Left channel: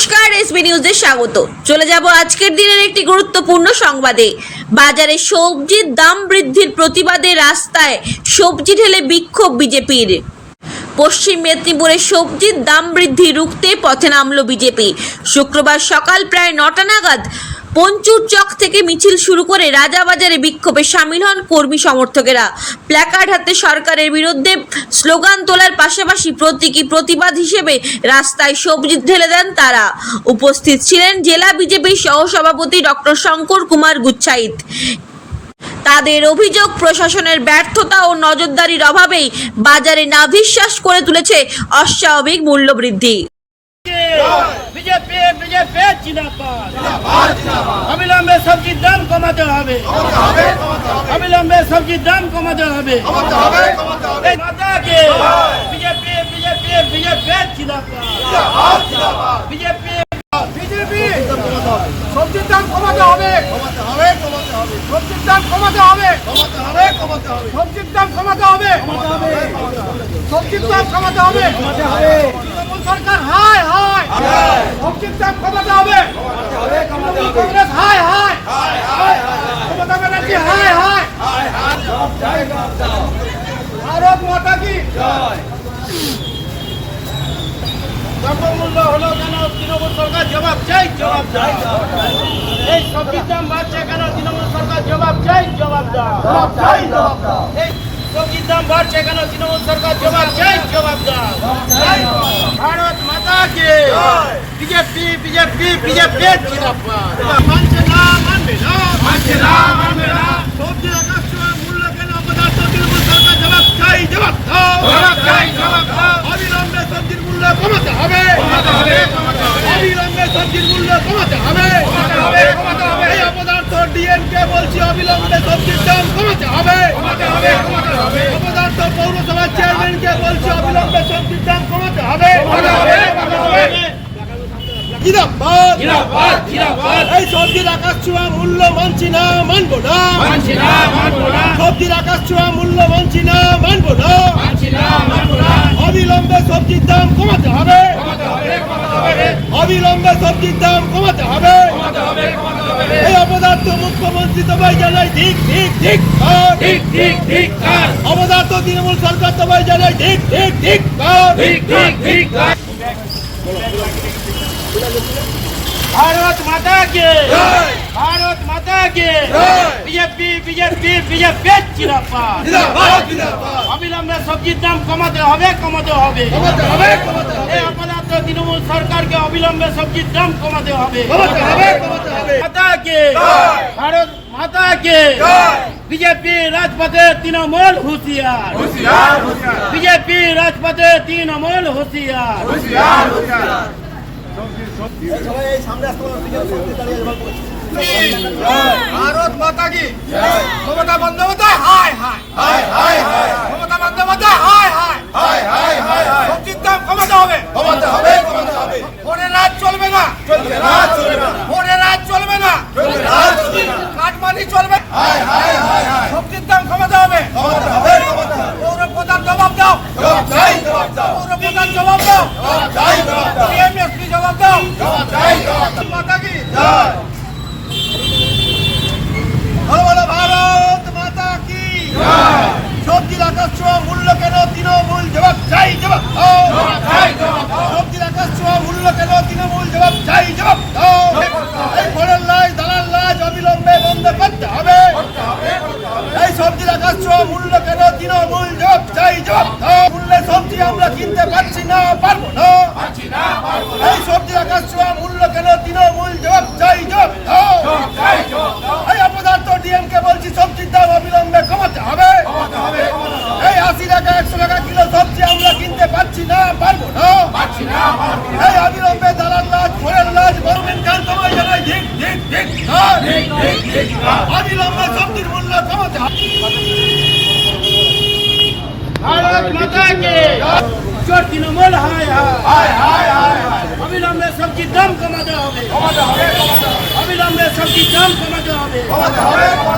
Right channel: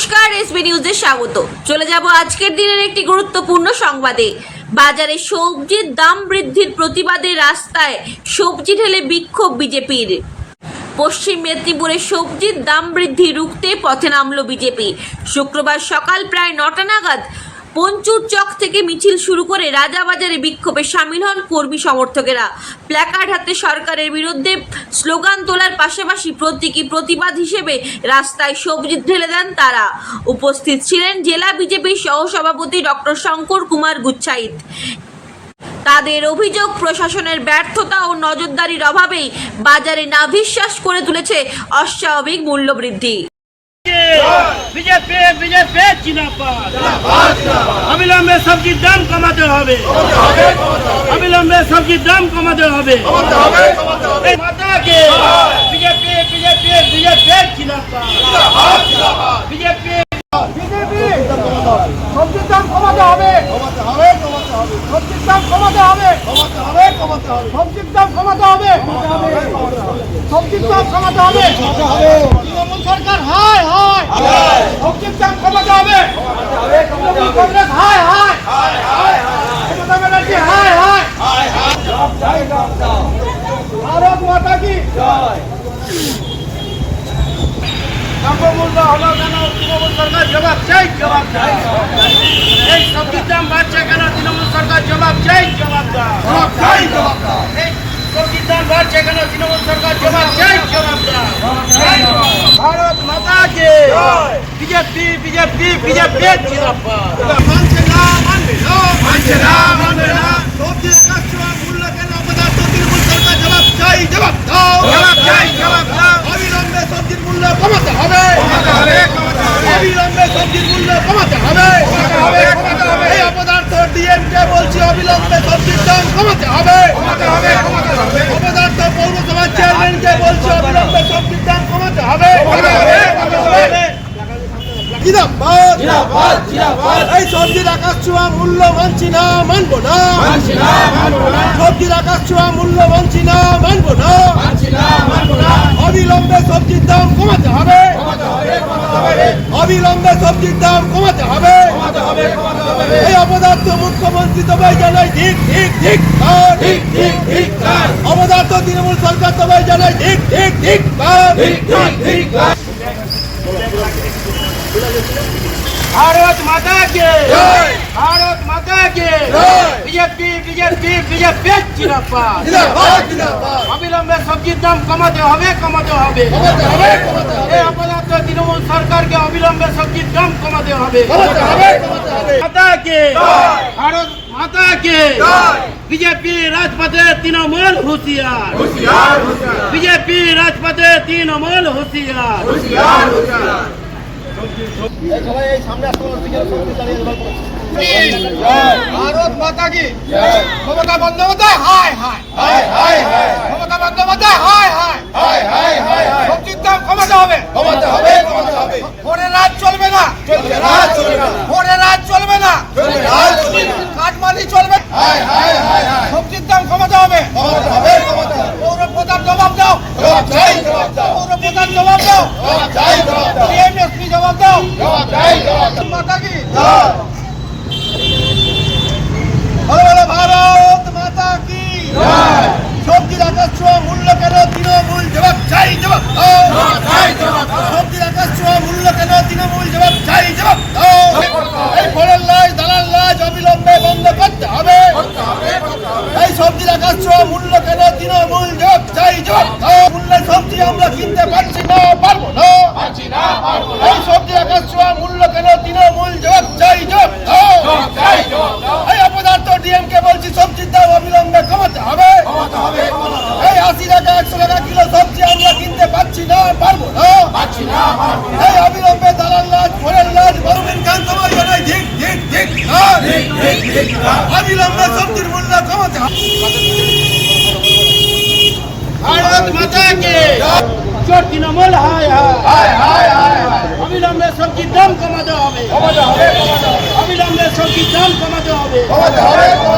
নমস্কার এসবি নিউজে স্বাগত। চলে যাব আজকের দিনের একটি গুরুত্বপূর্ণ সংবাদে। বাজারে সবজির দাম বৃদ্ধির প্রতিবাদে রাস্তায় সবজি ঢেলে বিক্ষোভ বিজেপির। পশ্চিম মেদিনীপুরে সবজির দাম বৃদ্ধি রুখতে পথে নামল বিজেপি। শুক্রবার সকাল প্রায় নটা নাগাদ পঞ্চুর চক থেকে মিছিল শুরু করে রাজাবাজারে বিক্ষোভে সামিল হন কর্মী সমর্থকেরা। প্ল্যাকার্ড হাতে সরকারের বিরুদ্ধে স্লোগান তোলার পাশাপাশি প্রতীকী প্রতিবাদ হিসেবে রাস্তায় সবজি ঢেলে দেন তারা। উপস্থিত ছিলেন জেলা বিজেপির সহসভাপতি ডক্টর শঙ্কর কুমার গুচ্ছাইত। তাদের অভিযোগ, প্রশাসনের ব্যর্থতা ও নজরদারির অভাবেই বাজারে নাভিশ্বাস করে তুলেছে অস্বাভাবিক মূল্যবৃদ্ধি। বিজেপি বিজেপি জিন্দাবাদ অবিলম্বে সবজির দাম কমাতে হবে অবিলম্বে সবজির দাম কমাতে হবে এই মাতাকে বিজেপি বিজেপি বিজেপি জিন্দাবাদ বিজেপি বিজেপি সবজির দাম কমাতে হবে কমাতে হবে কমাতে হবে। সবজির দাম কমাতে হবে। কমাতে হবে কমাতে হবে। সবজির দাম কমাতে হবে। সবজির দাম কমাতে হবে। তৃণমূল সরকার হায় হায়। সবজির দাম কমাতে হবে। তৃণমূল কংগ্রেস হায় হায়। মমতা ব্যানার্জি হায় হায়। ভারত মাতা কি? দ্রব্যমূল্য হলো কেন তৃণমূল সরকার জবাব চাই? জবাব চাই। এই সবজির দাম বাড়ছে কেন তৃণমূল সরকার জবাব চাই? জবাব জবাব চাই। জবাব এই সবজির দাম বাড়ছে কেন তৃণমূল সরকার জবাব চাই? জবাব ভারত মাতা কে বিজেপি বিজেপি বিজেপি জিন্দাবাদ। মানছে না মানবে না। মানছে না মানবে না। সবজির আকাশ ছোঁয়া মূল্য কেন পদার্থ তৃণমূল সরকার জবাব চাই জবাব দাও জবাব চাই জবাব দাও অবিলম্বে সবজির মূল্য কমাতে হবে কমাতে হবে অবিলম্বে সবজির মূল্য কমাতে হবে। এই অপদার্থ ডিএমকে বলছি অবিলম্বে সবজির দাম কমাতে হবে। অপদার্থ পৌরসভার চেয়ারম্যানকে বলছি অবিলম্বে সবজির দাম কমাতে হবে। এই সবজির আকাশ ছোঁয়া মূল্য মানছি না মানবো না। সবজির আকাশ ছোঁয়া মূল্য মানছি মানবো না। মানছি না মানবো না। অবিলম্বে সবজির দাম কমাতে হবে কমাতে হবে কমাতে হবে অবিলম্বে সবজির দাম কমাতে হবে। এই অপদার্থ মুখ্যমন্ত্রী সবাই জানায় ঠিক ঠিক ঠিক ঠিক ঠিক অপদার্থ তৃণমূল সরকার সবাই জানায় ঠিক ঠিক ঠিক ঠিক ভারত মাতা কে? ভারত মাতা কে? বিজেপি বিজেপি বিজেপি জিন্দাবাদ। অবিলম্বে সবজির দাম কমাতে হবে কমাতে হবে। এই অপদার্থ তৃণমূল সরকারকে অবিলম্বে সবজির দাম কমাতে হবে। মাতা কে ভারত মাতা বিজেপি রাজপথে তৃণমূল হুঁশিয়ার। বিজেপি রাজপথে তৃণমূল হুঁশিয়ার। ভারত মাতা কি? মমতা বন্দ্যোপাধ্যায়? হায় হায়। হায় হায় হায়। মমতা বন্দ্যোপাধ্যায় হায় হায়। হায় হায় হায় হায়। সবজির দাম কমাতে হবে। কমাতে হবে কমাতে হবে। ভোরের রাত চলবে না। চলবে না চলবে না। ভোরের রাত চলবে না। চলবে না চলবে না। কাটমানি চলবে। হায় হায় হায় হায়। সবজির দাম কমাতে হবে। কমাতে হবে কমাতে হবে। পৌর প্রধান জবাব দাও। জবাব চাই জবাব দাও পৌর প্রধান জবাব দাও। জবাব চাই জবাব দাও ডিএমএসপি জবাব দাও। জবাব চাই জবাব দাও মাতা কি জয় বলো বলো ভারত মাতা কি সবজির আকাশ ছোঁয়া মূল্য কেন তৃণমূল জবাব চাই জবাব সবজির আকাশ ছোঁয়া মূল্য কেন তৃণমূল জবাব চাই জবাব এই ফোড়ের লাশ দালাল লাশ অবিলম্বে বন্ধ করতে হবে। এই সবজির আকাশ ছোঁয়া মূল্য কেন তৃণমূল জবাব চাই জবাব মূল্যে সবজি আমরা কিনতে পারছি না পারব না এই সবজির আকাশ ছোঁয়া মূল্য কেন তৃণমূল জবাব চাই জবাব দাও এই অপদার্থ ডিএমকে বলছি সবজির দাম অবিলম্বে কমাতে হবে এই আশি টাকা একশো টাকা কিলো সবজি আমরা কিনতে পারছি না পারব না এই অবিলম্বে দালাল লাজ ফোরের লাজ বরুমিন খান তোমায় জানাই ঠিক ঠিক ঠিক অবিলম্বে সবজির মূল্য কমাতে ভারত মাতা কে চোর তৃণমূল হায় হায় হায় হায় অবিলম্বে সবজির দাম কমাতে হবে অবিলম্বে সবজির দাম কমাতে হবে